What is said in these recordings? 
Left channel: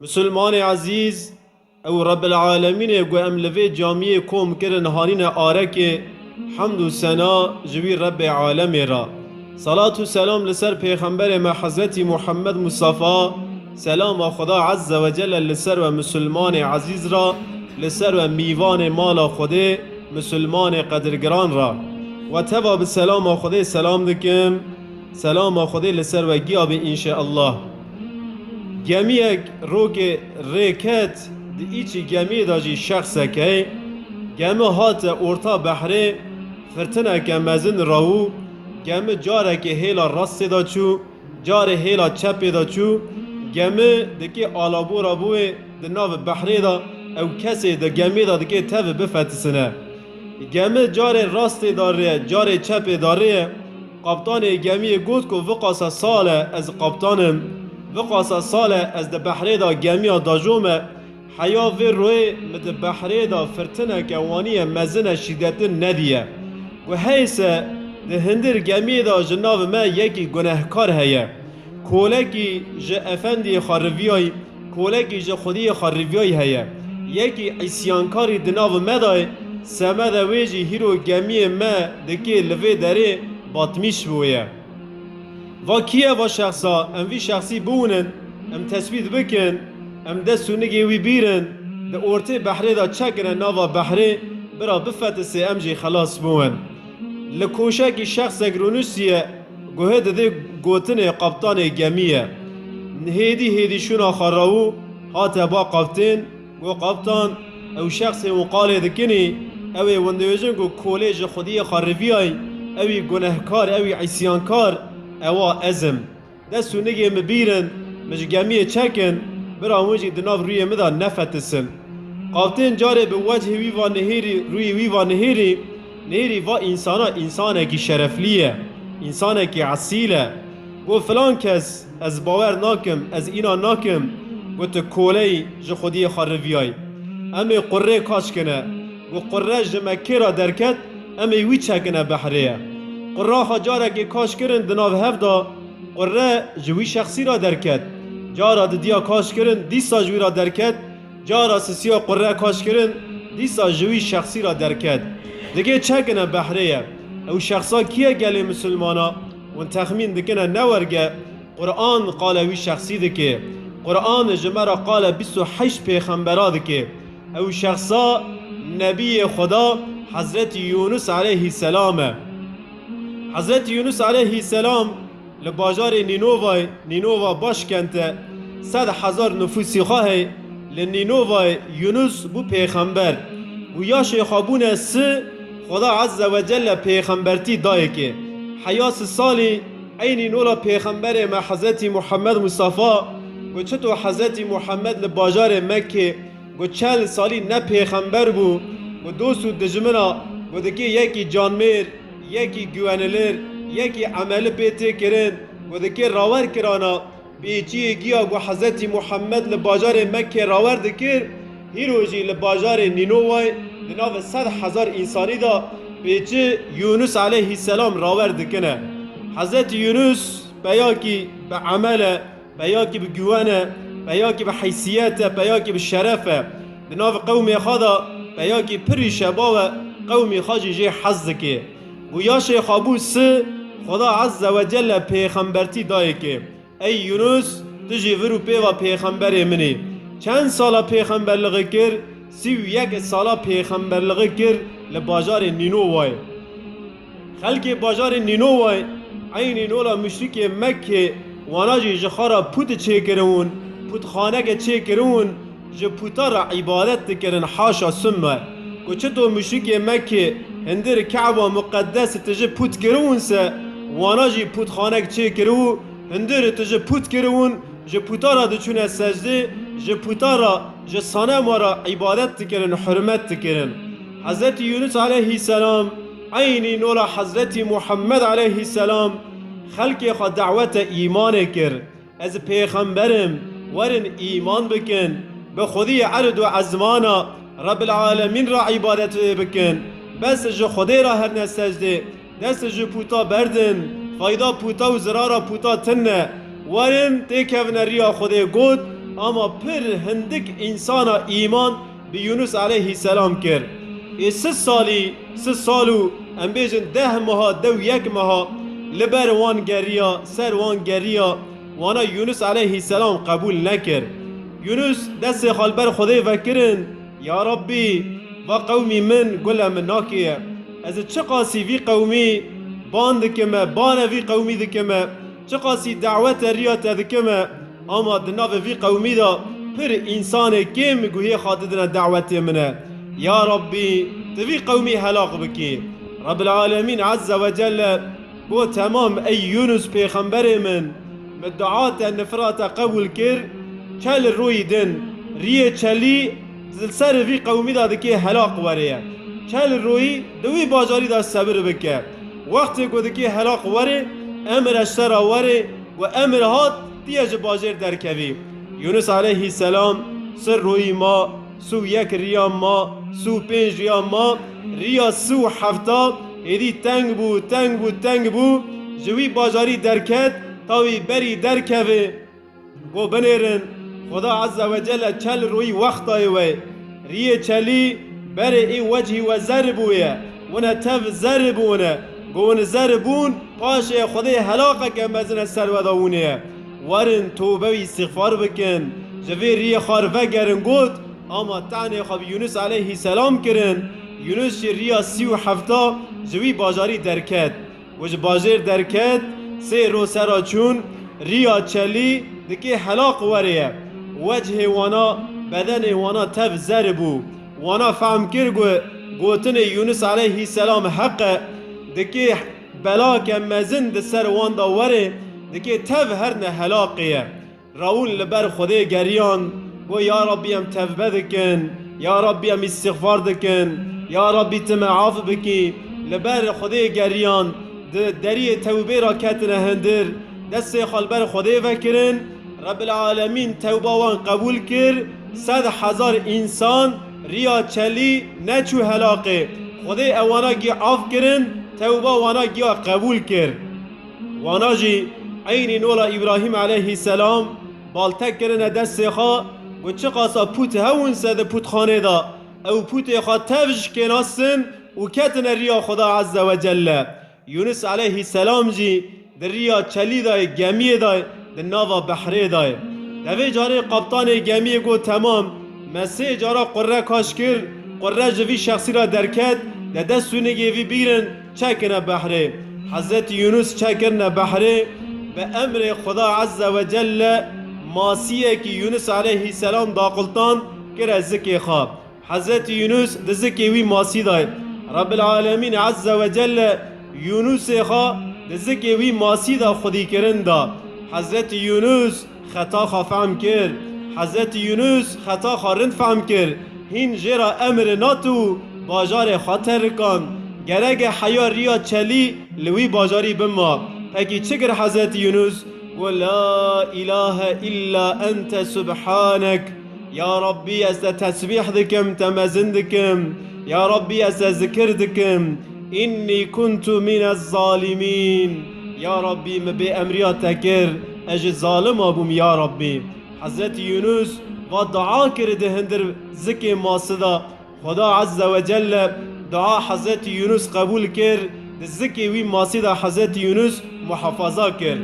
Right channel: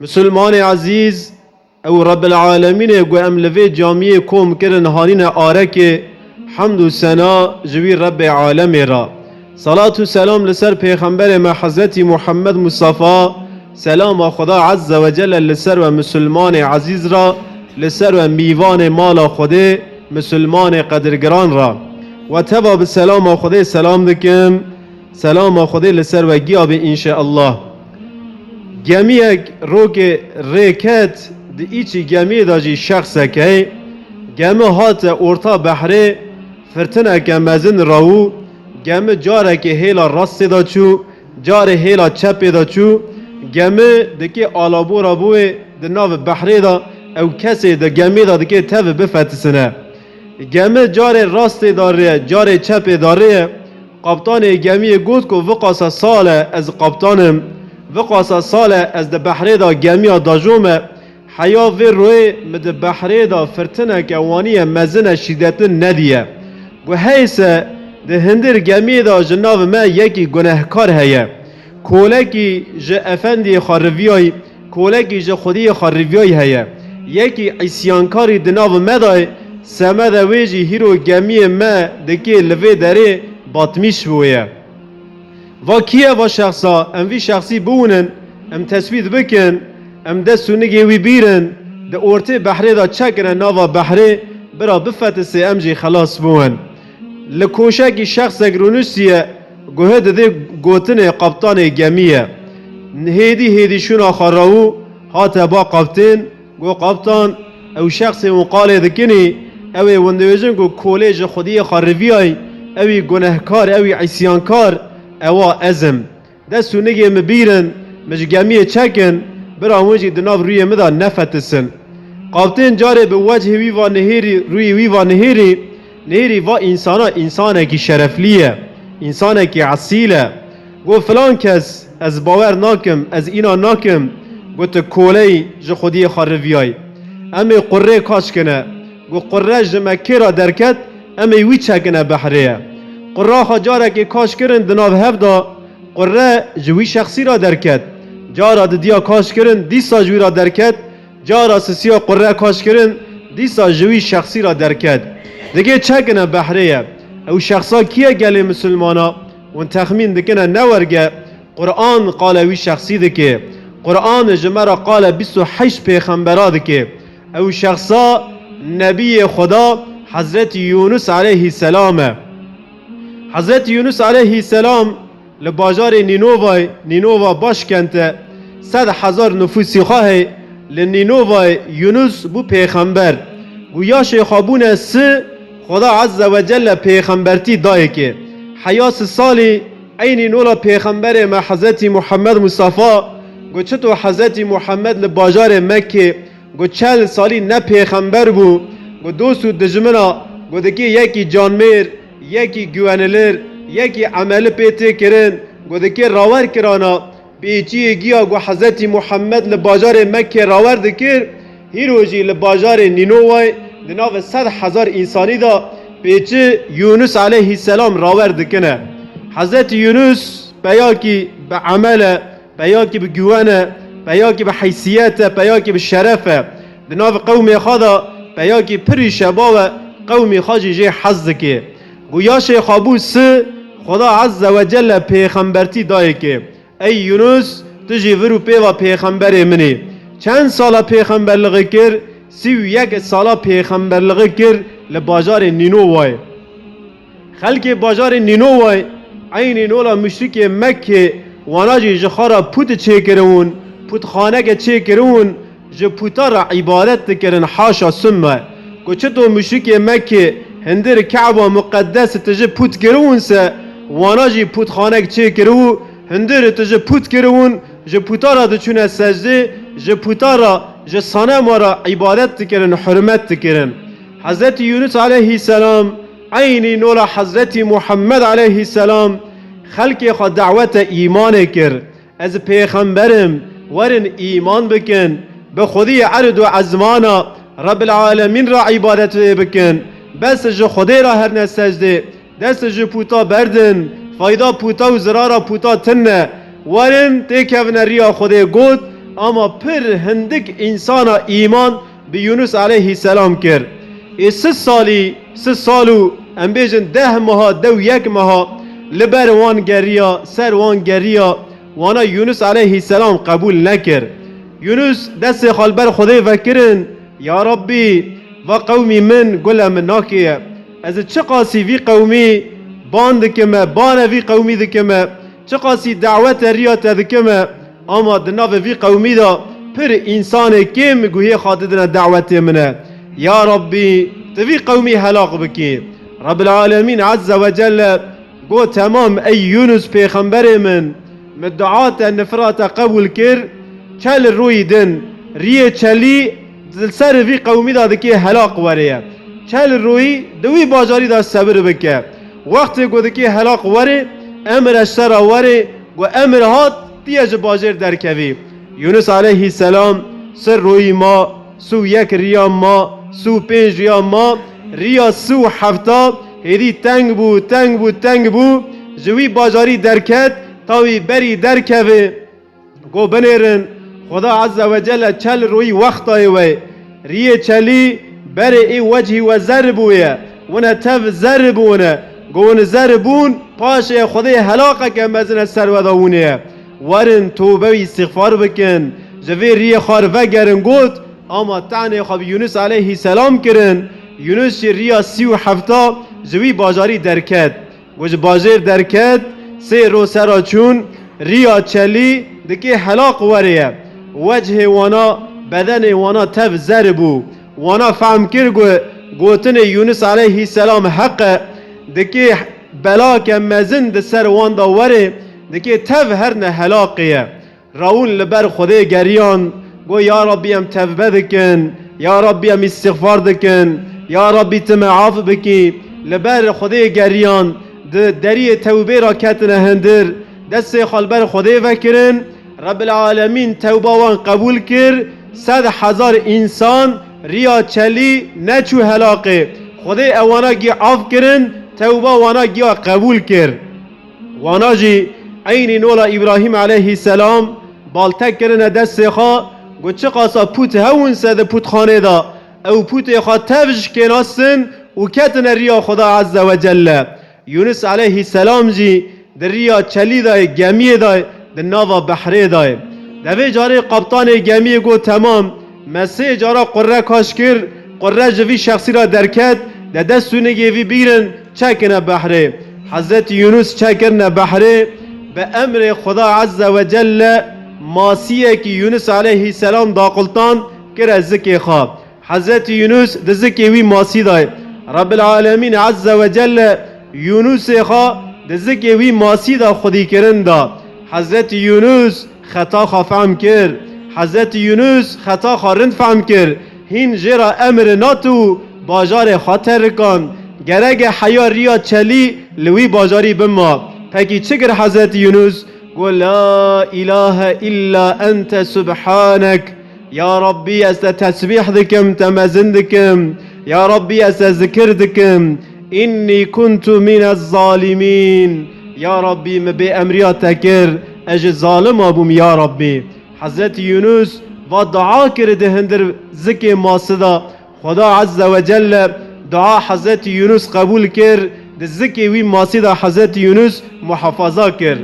مسلمان عزیز او رب العالمین گو ام لوی جامعه کوم کرن هارین آرک حمد و ثنا جوی رب عالم را صلاة و سلام لسر پیغمبر ما حضرت محمد مصطفی سلام خدا عز و جل لسر و مسلمان عزیز را لسر و میوان مال خود مسلمان قدرگران را و تبا به سلام خدا سلام دکم سلام خدا لسر و گیاب انشاءالله گمیک روک ریکت دی ایچی گمی دا جی شخص که گمی هات ارتا بحره فرتنه که مزن راو گمی جاره که هیلا راست دا چو جاره هیلا چپ دا چو گمی دکی آلابو را بوی دی ناو بحره دا او کسی دا گمی دا دکی تف بفتسنه گمی جاره راست داره جاره چپ داره قبطان گمی گود که وقاس سال از قبطانم وقاس سال از ده بحره دا گمیا داجوم حیا وی روی مد بحره دا فرتنه که وانی مزن شدت ندیه و حیث ده هندر گمی دا جناب ما یکی گناهکار هیه کولکی جه افندی خارویای کولکی جه خودی خارویای هیه یکی عیسیانکاری دناو ما دای سمه دا ویجی هیرو گمی ما دکی لوی داره باطمیش بویه و کیه و شخصا ام وی شخصی بونن ام تثبیت بکن ام دستونگی وی بیرن ده ارته بحره دا چکرن ناوا بحره برا بفتسه ام جی خلاص بون لکوشکی شخص اگرونوسیه گوه ده گوتن قبطان گمیه هیدی شونا خراو هاته با قبطن گو قبطان او شخص مقاله دکنی اوی وندویجن گو کولج خودی خارویای اوی گناهکار اوی عیسیانکار اوا ازم دستونگی مبیرن مج گمیه چکن برا موجی دناف روی مدا نفتسن قابطین جاره به وجه وی و نهیری روی وی و نهیری و انسانه کی شرفلیه انسانه کی عصیله گو فلان کس از باور ناکم از اینا ناکم گو تا کولی جو خودی خارویای امی قره کاش کنه گو قره جمکه را درکت امی وی چکنه بحریه قره ها جاره که کاش کرن دناف هفدا قره جوی شخصی را درکت جارا دیا کاش کرن دیسا جوی را درکت جارا سسیا قره کاش کرن دیسا جوی شخصی را درکت دیگه چکنه بحریه او شخصا کیه گلی مسلمانا و تخمین دکنه نورگه قرآن قال وی شخصی دکه قرآن جمعه قال 28 پیغمبرا دکه او شخصا نبی خدا حضرت یونس علیه السلامه حضرت یونس علیه السلام لباجار نینووا باش کنته 100,000 نفوسی خواهی لنینووا یونس بو پیغمبر و یا شیخابون سه خدا عز و جل پیغمبرتی دای که حیاس سالی این نولا پیغمبر ما حضرت محمد مصطفی گو چطور حضرت محمد لباجار مکه گو 40 سالی نه پیغمبر بو گو دوستو دجمنا گو دکی یکی جانمیر یکی گوانلر یکی عمل پیته کرن گو دکی راور کرانا بیچی گیا گو حضرت محمد لباجار مکه راور دکر هیروجی لباجار نینووای لناو 100,000 انسانی دا بیچی یونس علیه السلام راور دکنه حضرت یونس بیاکی به عمل بیاکی به گوانه بیاکی به حیثیت بیاکی به شرفه لناو قوم خدا بیاکی پری شباب قوم خاجی جه حز که گویا شیخ ابو سه خدا عز و جل پیغمبرتی دای که ای یونس تجی ورو پیوا پیغمبر منی چند سالا پیغمبرلغی کر 31 سالا پیغمبرلغی کر لباجار نینووای خلق باجار نینووای عین نولا مشرک مکه وانا جی جخارا پوت چه کرون پوت خانه که چه کرون جه پوتا را عبادت کرن حاشا سمه کو چطور مشرک مکه هندر کعبه مقدس تجه پوت کرون سه وانا جی پوت خانه چه کرو هندر تجه پوت کرون جه پوتا را دچونه سجده جه پوتا را جه صنم را عبادت کرن حرمت کرن حضرت یونس علیه السلام عین نولا حضرت محمد علیه السلام خلق خود دعوت ایمان کر از پیغمبرم ورن ایمان بکن به خودی عرض و عزمانا رب العالمین را عبادت بکن بس جو خدای را هر نسجده دست جو پوتا بردن فایدا پوتا و زرارا پوتا تنه ورن تکون ریا خدای گود اما پر هندک انسان ایمان به یونس علیه السلام کرد. ای 3 سالو ام بیجن 10 ماه 1 ماه لبر وان گریا سر وان گریا وانا یونس علیه السلام قبول نکرد. یونس دست خالبر خدای وکرن یا ربی و قومی من گل من ناکیه از چه قاسی وی قومی باند دکمه بانه وی قومی دکمه چه قاسی دعوت ریات دکمه اما دناو وی قومی دا پر انسان کم گوهی خاطدنا دعوت منه یا ربی توی قومی هلاق بکی. رب العالمین عز و جل گو تمام ای یونس پیغمبر من مدعات نفرات قبول کر چل روی دن ریه چلی سر وی قومی دا دکی هلاق وره چل روی دوی باجاری دا صبر بکه وقتی گو دکی هلاق وره امر اشتر وره و امر هات دیج باجر در کوی. یونس علیه السلام سر روی ما سو 1 ریا ما سو 5 ریا ما ریا سو 7 هدی تنگ بو جوی باجاری درکت تاوی بری درکوه گو بنیرن خدا عز و جل چل روی وقت آیوه ریه چلی بری ای وجهی و زربویه ونه تف زربونه گون زربون پاشه خدای هلاقه که مزن سر وداونه ورن توبه و استغفار بکن جوی ریه خار وگرن گود اما تعنی خواب یونس علیه السلام کرن یونس ریه 37 جوی باجاری درکت وج باجر درکت 3 رو سرا چون ریا چلی دکی هلاق وریه وجه وانا بدن وانا تف زربو وانا فهم کر گوتن یونس علیه السلام حق دکی بلا که مزن ده سر واندا وره دکی تف هرن هلاقیه راون لبر خدا گریان گو یا ربی ام توبه دکن یا ربی ام استغفار دکن یا ربی تم عاف بکی لبر خدا گریان دری توبه را کتنه هندر دست خالبر خدا وکرن رب العالمین توبه وان قبول کر 100,000 انسان ریا چلی نچو هلاقه خدا اوانا گی عاف کرن توبه وانا گیا قبول کر وانا جی عین نولا ابراهیم علیه السلام بالتک کرن دست خواه گو چه قاسا پوت هون سده پوت خانه دا او پوت خواه تفش کناستن و کتن ریا خدا عز و جل. یونس علیه السلام جی در ریا چلی دای گمیه دای در ناوا بحره دای دوی جاره قبطان گمیه گو تمام مسیح جاره قره کاش کر قره جوی شخصی را درکت در دستونه گیوی بیرن چکنه بحره حضرت یونس چکنه بحره به امر خدا عز و جل ماسیه که یونس علیه السلام داقلتان کر زکی خواب حضرت یونس ده زکی وی ماسی دای رب العالمین عز و جل یونس خواه ده زکی وی ماسی دا خودی کرن دا حضرت یونس خطا خواه فهم کر حضرت یونس خطا خواه رند فهم کر هین جرا امر ناتو باجار خاطر کن گرگ حیا ریا چلی لوی باجاری بما پکی چگر حضرت یونس قل لا اله الا انت سبحانك یا ربی از تسبیح دکم تمزن دکم یا ربی از ذکر دکم اینی کنت من الظالمین یا ربی مبی امریات تکر اج ظالم ابوم یا ربی. حضرت یونس و دعا کرده هندر ذکر ماسدا خدا عز و جل دعا حضرت یونس قبول کرد ذکر وی ماسدا حضرت یونس محافظه کرد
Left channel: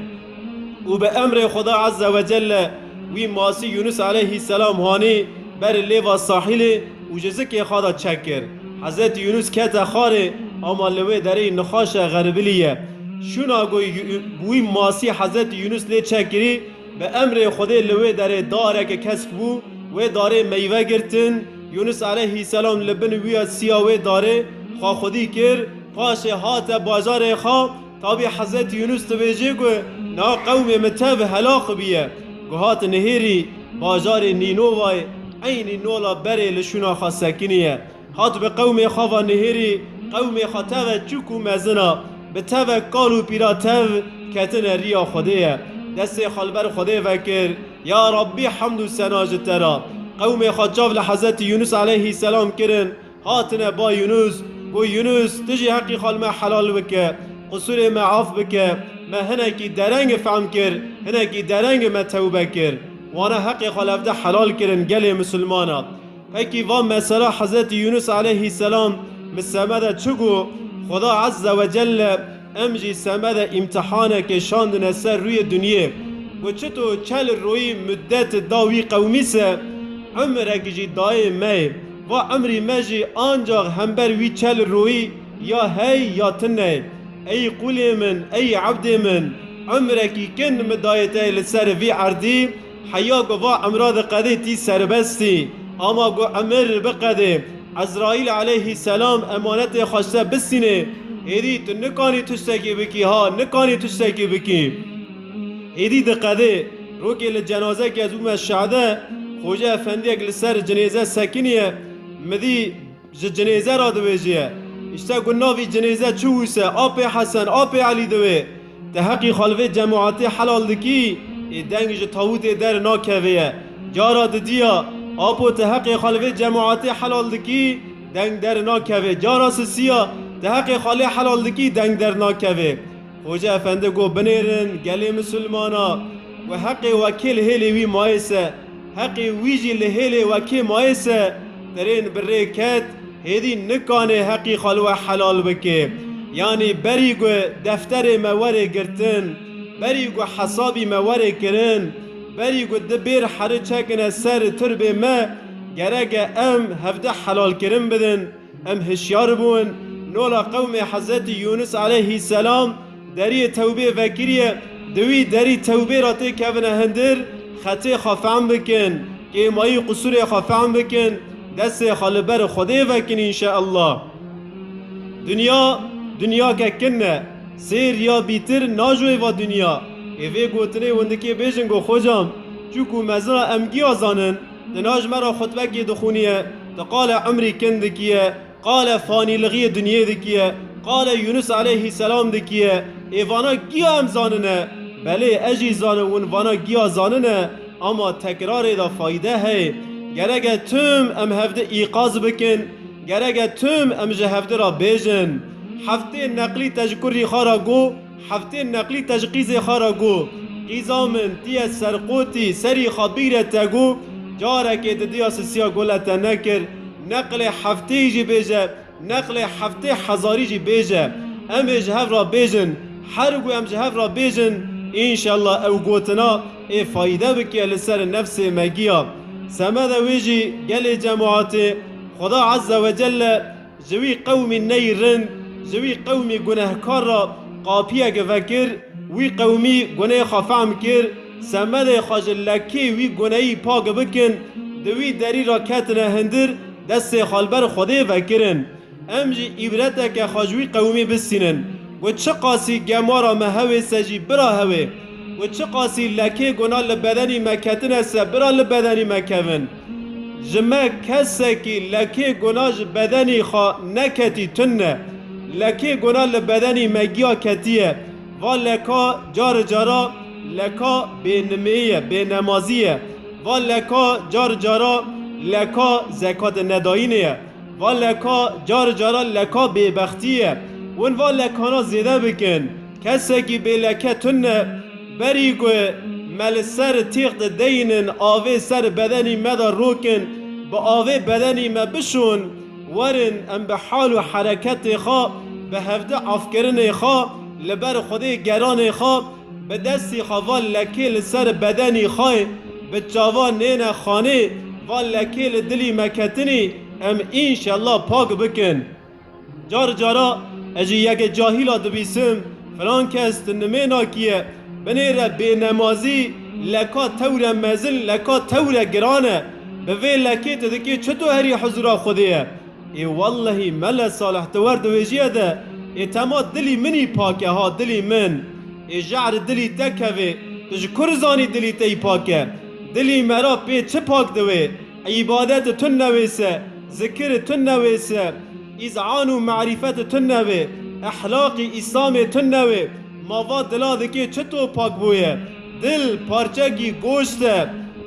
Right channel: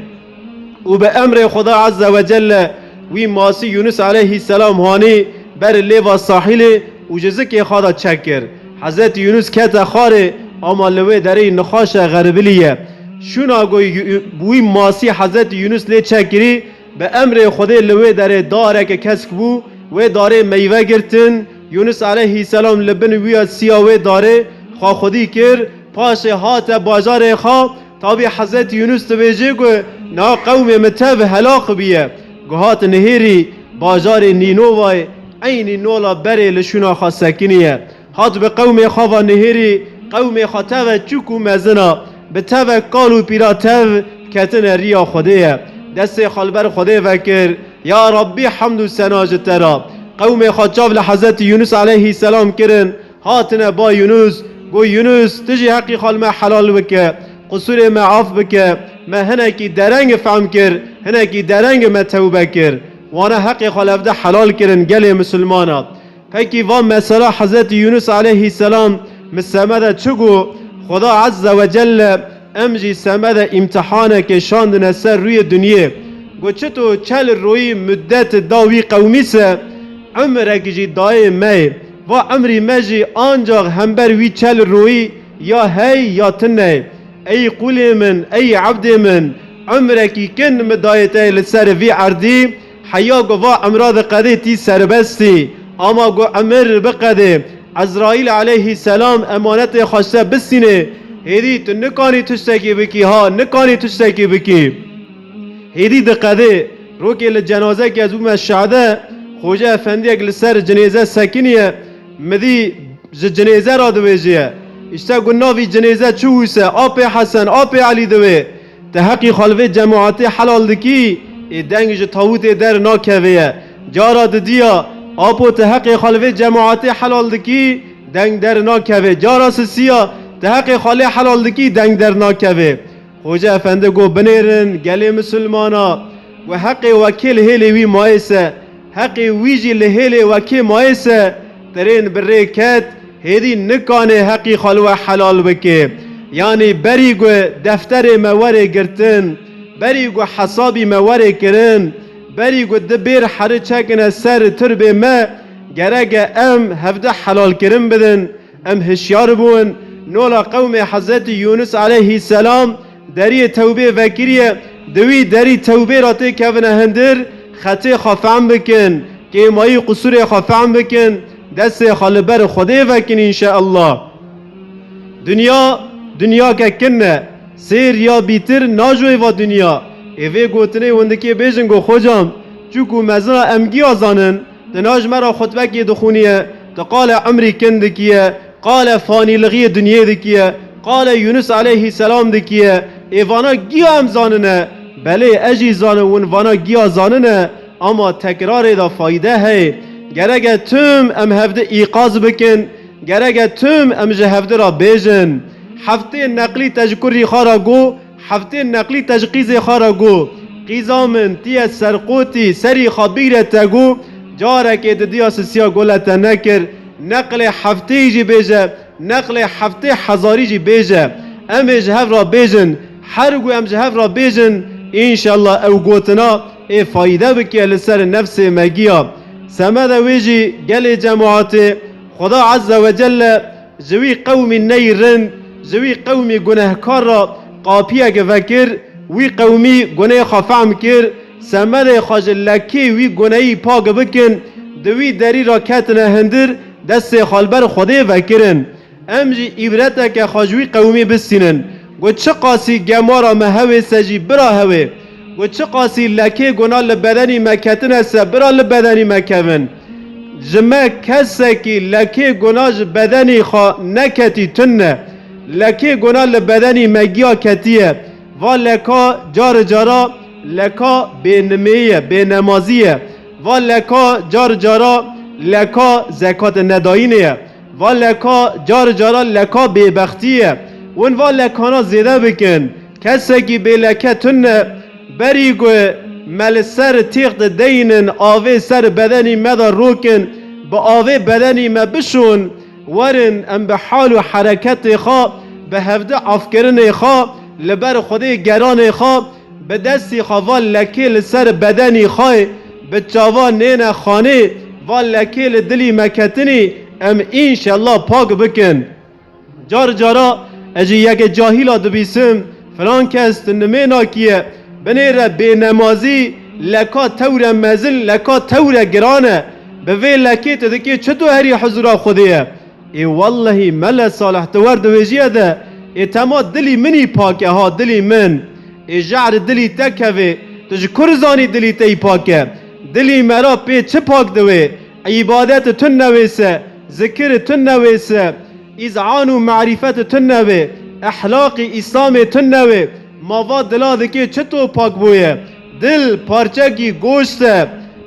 و به امر خدا عز و جل وی ماسی یونس علیه السلام هانی بر لیوا ساحل و جزک خدا چکر حضرت یونس کتا خاره اما لوی داره نخاش غربلیه شونا گوی بوی ماسی حضرت یونس لی چکری به امر خدا لوی داره داره که کسک بو و داره میوه گرتن یونس علیه السلام لبن وی سیاوه داره خواه خودی کر پاش هات بازار خواه تابی حضرت یونس تویجه گو نا قوم متاب هلاق بیه گوهات نهیری بازار نینووای عین نولا بره لشونا خواه سکنیه هات به قوم خواه نهیری قوم خواه تاو چوکو مزنا به تاو قالو پیرا تاو کتن ریا خوده دست خالبر خوده وکر یا ربی حمد و سناج ترا قوم خواه چاو لحضرت یونس علیه السلام کرن هاتنا با یونس گو یونس تجی حقی خالما حلال بکه قصور ما عاف بکه ما هنکی درنگ فهم کر هنکی درنگ ما توبه کر وانا حق خلافده حلال کرن گل مسلمانا هکی و مثلا حضرت یونس علیه السلام مسمده چگو خدا عز و جل امجی سمده امتحانه که شاندن سر روی دنیا و چطور چل روی مدت داوی قومی سه عمرک جی دای می و عمری مجی آنجا همبر وی چل روی یا هی یا تنه ای قولی من ای عبد من عمرکی کن مدایته لسر وی عردی حیا گو و امراض قده تی سربستی اما گو امر بقده عزرائیل علیه السلام امانت خواسته بسینه هیدی تو نکانی تشتکی بکی ها نکانی تشتکی بکی هیدی دقده رو که لجنازه که از اوم شعده خوجه افندی اگل سر جنیزه سکنیه مدی جنیزه را دویجیه اشتا گناوی جنیزه چووسه آپ حسن آپ علی دوی تحقی خالوه جماعت حلال دکی دنگ تاوت در ناکویه جارا دیا آپو تحقی خالوه جماعت حلال دکی دنگ در ناکوه جارا سیا تحقی خاله حلال دکی دنگ در ناکوه خوجه افنده گو بنیرن گلی مسلمانا و حق وکیل هیلی وی مایسه حق ویجی لهیلی وکی مایسه ترین بره کت هیدی نکانه حقی خالوه حلال بکه یعنی بری گو دفتر مواره گرتن بری گو حسابی مواره کرن بری گو دبیر حره چکنه سر تربه ما گرگ ام هفته حلال کرن بدن ام هشیار بون نولا قوم حضرت یونس علیه السلام دری توبه وکریه دوی دری توبه راته کونه هندر خطه خافعم بکن که مایی قصور خافعم بکن دست خالبر خوده وکن انشاءالله دنیا که کنه سیر یا بیتر ناجوی و دنیا اوه گوتنه وندکی بیجن گو خوجام چوکو مزنا امگی آزانن دناج مرا خطبه که دخونیه تقال عمری کندکیه قال فانی لغی دنیا دکیه قال یونس علیه السلام دکیه ایوانا گیا هم زاننه بله اجی زانون وانا گیا زاننه اما تکرار دا فایده هی گرگه تم ام هفته ایقاز بکن گرگه تم ام جهفته را بیجن هفته نقلی تجکری خارا گو هفته نقلی تجقیز خارا گو قیزامن تی سرقوتی سری خبیره تگو جارک دیا سیا گلت نکر نقل هفته جی بیجه نقل هفته هزاری جی بیجه ام جهف را بیجن هر گو ام جهف را بیجن انشالله او گوتنا ای فایده بکی لسر نفس مگیا سمد ویجی گل جماعت خدا عز و جل جوی قومی نیرن جوی قومی گناهکار را قاپیه که فکر وی قومی گناه خفعم کر سمد خاجلکی وی گناهی پاک بکن دوی دری را کتنه هندر دست خالبر خوده فکرن امجی ایبرته که خاجوی قومی بسینن و چه قاسی گمارا مهوه سجی برا هوه و چه قاسی لکه گناه لبدنی مکتن است برا لبدنی مکون جمع کسی که لکه گناه بدنی خوا نکتی تنه لکه گناه لبدنی مگیا کتیه و لکا جار جارا لکا بینمیه بینمازیه و لکا جار جارا لکا زکات نداینه و لکا جار جارا لکا بیبختیه ون و لکانا زیده بکن کسی که به لکه تنه بری گو مل سر تیغت دینن آوه سر بدنی مدا روکن با آوه بدنی ما بشون ورن ام به حال و حرکت خواه به هفته افکرن خواه لبر خوده گران خواه به دستی خواه لکه لسر بدنی خواه به چاوا نین خانه و لکه لدلی مکتنی ام انشالله پاک بکن جار جارا اجی یک جاهیلا دبیسم فلان کست نمینا کیه بنیره بی نمازی لکا تور مزل لکا تور گرانه به وی لکی تدکی چطور هری حضورا خوده ای والله مل صالح تور دویجیه ده ای تما دلی منی پاکه ها دلی من ای جعر دلی تکوه تج کرزانی دلی تی پاکه دلی مرا پی چه پاک دوی عبادت تن نویسه ذکر تن نویسه اذعان و معرفت تن نوی احلاق اسلام تن نوی ماوا دلا دکی چطور پاک بویه دل پارچگی گوشته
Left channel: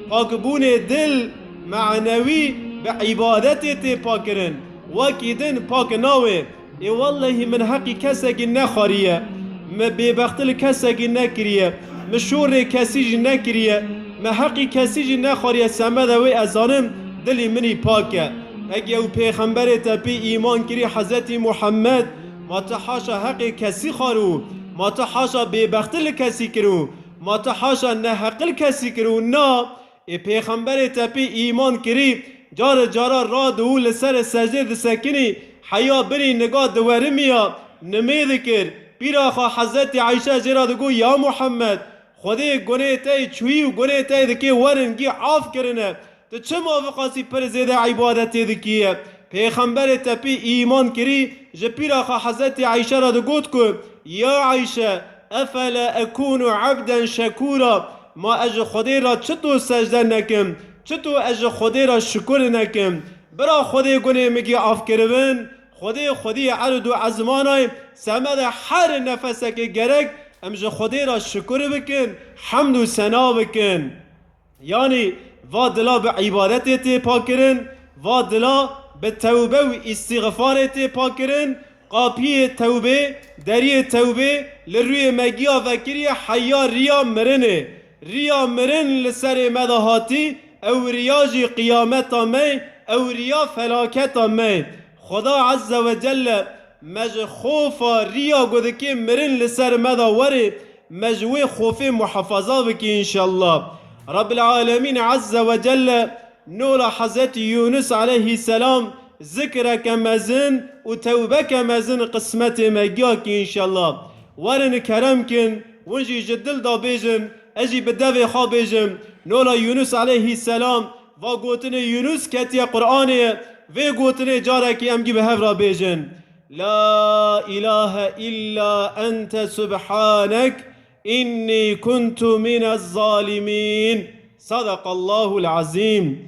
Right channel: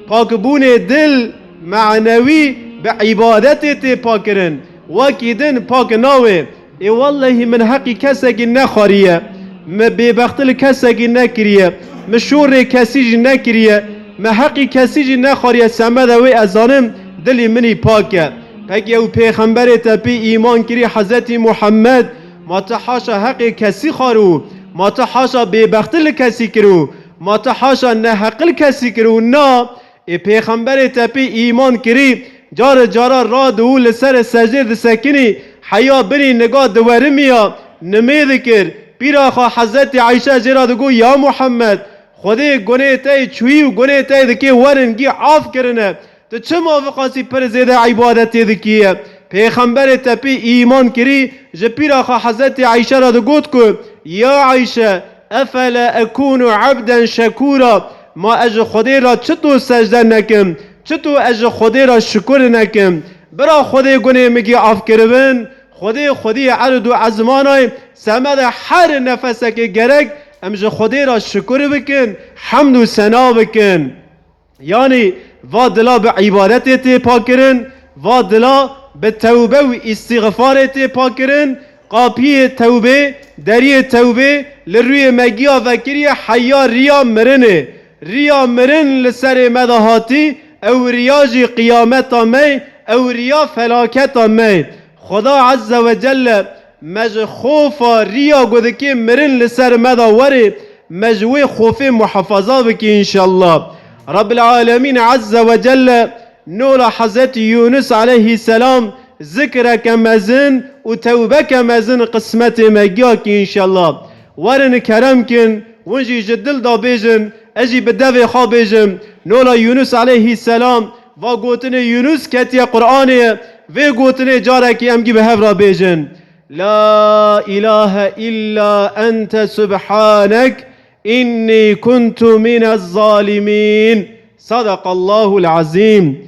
پاک بونه دل معنوی به عبادت تی پاکرن وکی دن پاک ناوی ای والله من حقی کسکی نخوریه ما بیبختل کسکی نکریه ما شور کسی نکریه ما حقی کسی جی نخواری سمد وی ازانم دلی منی پاکه اگه او پیغمبر تپی ایمان کری حضرت محمد ما تحاشا حق کسی خارو ما تحاشا ببختل کسی کرو ما تحاشا نحقل کسی کرو نا ای پیغمبر تپی ایمان کری جار جارا را دو لسر سجده دسکنی حیا بری نگاه دورمیا نمید کر پیرا خوا حضرت عایشه جرا دگو یا محمد خودی گناه تای چوی و گناه تای دکی ورنگی عاف کرنه تو چه موافقاسی پر زیده عبادتی دکیه پیغمبر تپی ایمان کری جپیرا خوا حضرت عایشه را دگوت کو یا عایشه افلا اکون عبدا شکورا ما اج خودی را چطور سجده نکم چطور اج خودی را شکر نکم برا خودی گناه مگی عاف کربن خودی عرض و عزمانای سمد هر نفسه که گرگ امج خودی را شکر بکن حمد و ثنا بکن یعنی و دلا به عبادت تی پاکرن و دلا به توبه و استغفار تی پاکرن قاپی توبه دری توبه لروی مگیا وکری حیا ریا مرنه ریا مرن لسر مدهاتی او ریاجی قیامت می او ریا فلاکت می خدا عز و جل مج خوفا ریا گودکی مرن لسر مدا وره مجوی خوف محافظه بکی انشاءالله رب العالمين عز وجل نور حضرت يونس عليه السلام ذكرك مزن وتوبك مزن قسمة مجاك إن شاء الله ورن كرمكن ونجي جدل دا بيجن أجي بدفع خابيجن نور يونس عليه السلام وقوتن يونس كتيا قرآن وقوتن جارك أمجي بهفرا بيجن لا إله إلا أنت سبحانك إني كنت من الظالمين صدق الله العظيم